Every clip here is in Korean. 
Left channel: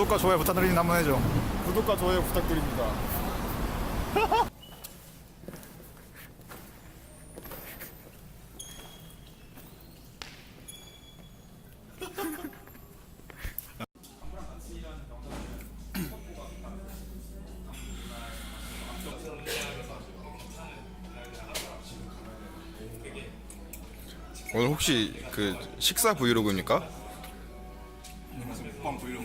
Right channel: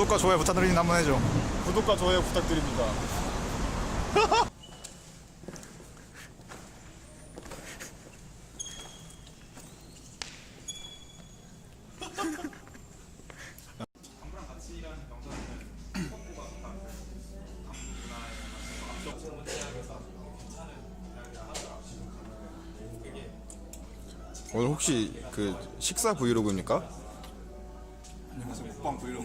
구독과 좋아요 부탁드리니 한번 해줘. 구독과 좋아요 부탁드립니다. 오늘 혹시 그 식사 브이로그입니까? 忘归了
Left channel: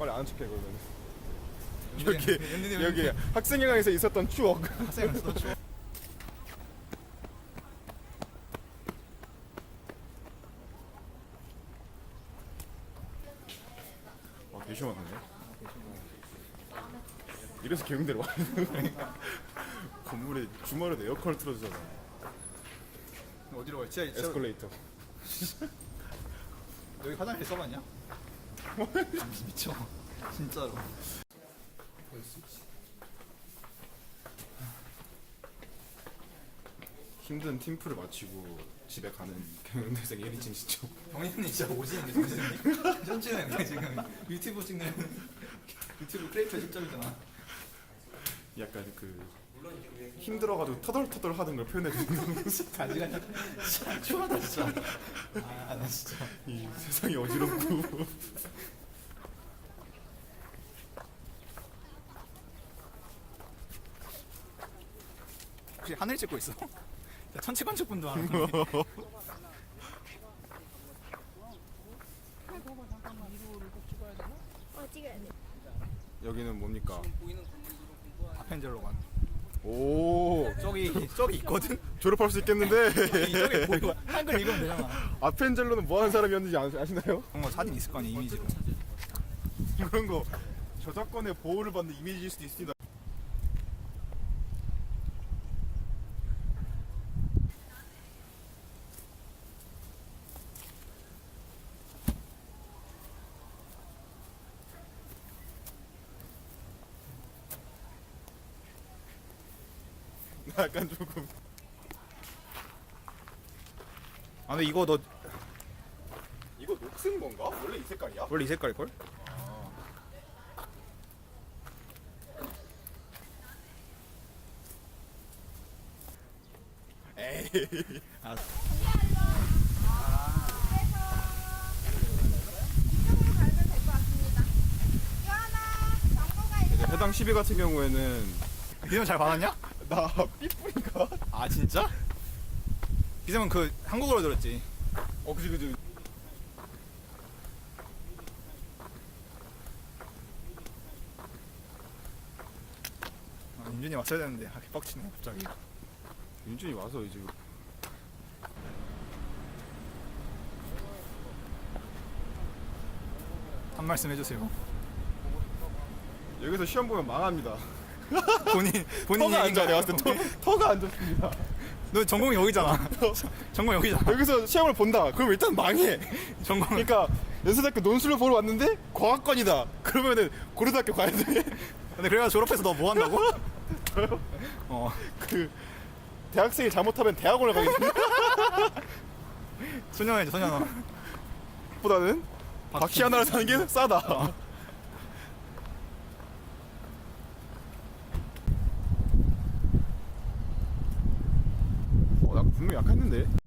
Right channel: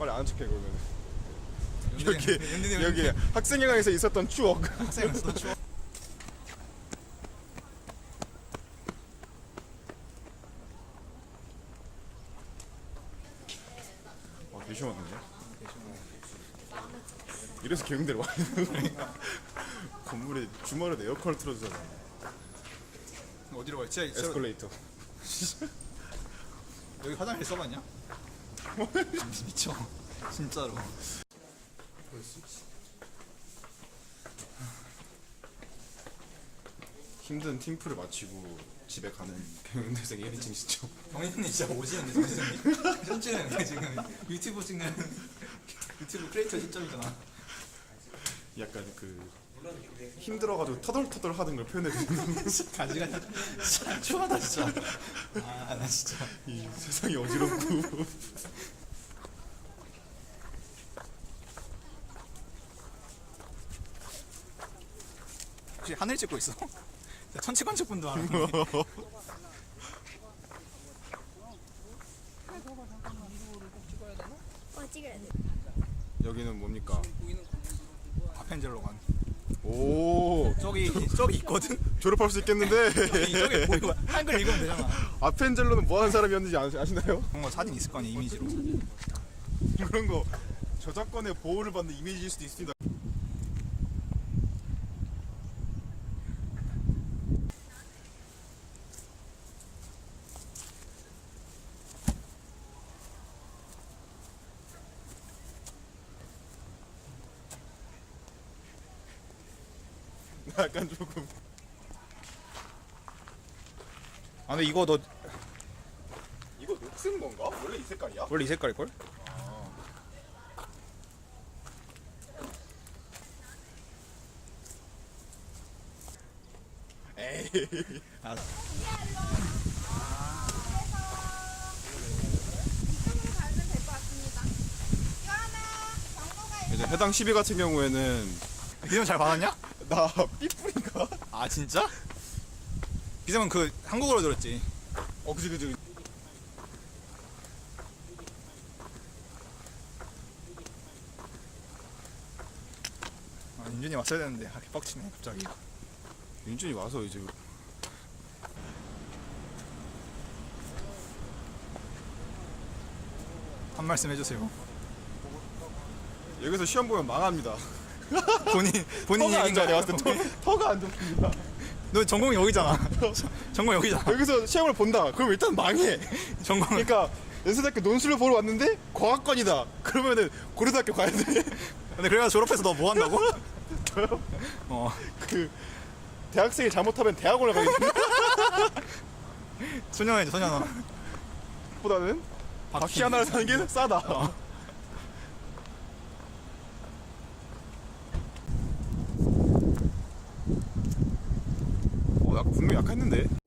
빨리 아는 척해 그러면. 여기 여기 학생회관에서 있었던 추억. 아, 개 시원하네. 이래서 개운대로 왔는 건물에 주말에 에어컨을 틀어주잖아. 어디로 가? 지하 에스컬레이터. 여기 화장실 써봤냐? 미쳐 진짜로 힘든 팀플을 마치고 집에 가는 경영대생 1인칭 시청. 정현님 진짜 오시는데 정현님 춤추는데 지금. 유튜브 찍는. 유튜브 크리에이터 시점이잖아. 약간 그 힘들어가지고 터덜터덜 하는 걸 표현해 주는 가지가 진짜 추하다 진짜 아 나 진짜 이 세상이 어지럽고 혹시 하늘 찍고 있어? 천체관측 분도 하는 어, 찍어야 돼. 여기는 뭡니까? 아펜젤로관 오. 저기 저기 있거든? 졸업할 수 있겠는데. 저기 보이고 한글 읽으면 되잖아. 아펜젤로는 뭐하는 사람이었는지 아, 아시나요? 그런 거 사진 있을 거 아니야 이미지로. 그런 거. 저작권의 보호를 받는 이미지일 수도 있습니다 약간 조금 아 근데 이거 너 이거 녹슨 건가? 원래 이 색깔이야? 원래 이 색깔일걸? 에이 아, 광고가 이제 해당 시비 같은 경우에는 비전 잘 받았냐? 나 삐뿌리가? 아 진짜? 비전은 그 한국어로 들었지? 어 그지 그지. 아, 윤준이 왔어야 되는데. 아 개빡치네 갑자기. 윤준이 와서 이제. 한 말씀 해주세요. 여기서 시험 보면 망합니다 본인 본인 터가 안? 좋아 내가 봤을 때 터, 터가 안 좋습니다. 너 전공이 여기잖아. 전공 여기잖아. 여기서 시험을 본다. 그럼 일단 망해. 전공 그러니까 연세대학교 논술을 보러 왔는데 과학관이다. 그러면은 고려대학교 가야 돼. 근데 그래가 졸업해서 너 뭐 한다고? 어. 그 대학생이 잘못하면 대학원을 가게 됩니다 소년원이죠 소년원 보다는 바퀴 하나를 사는 게 싸다 분명 약했는데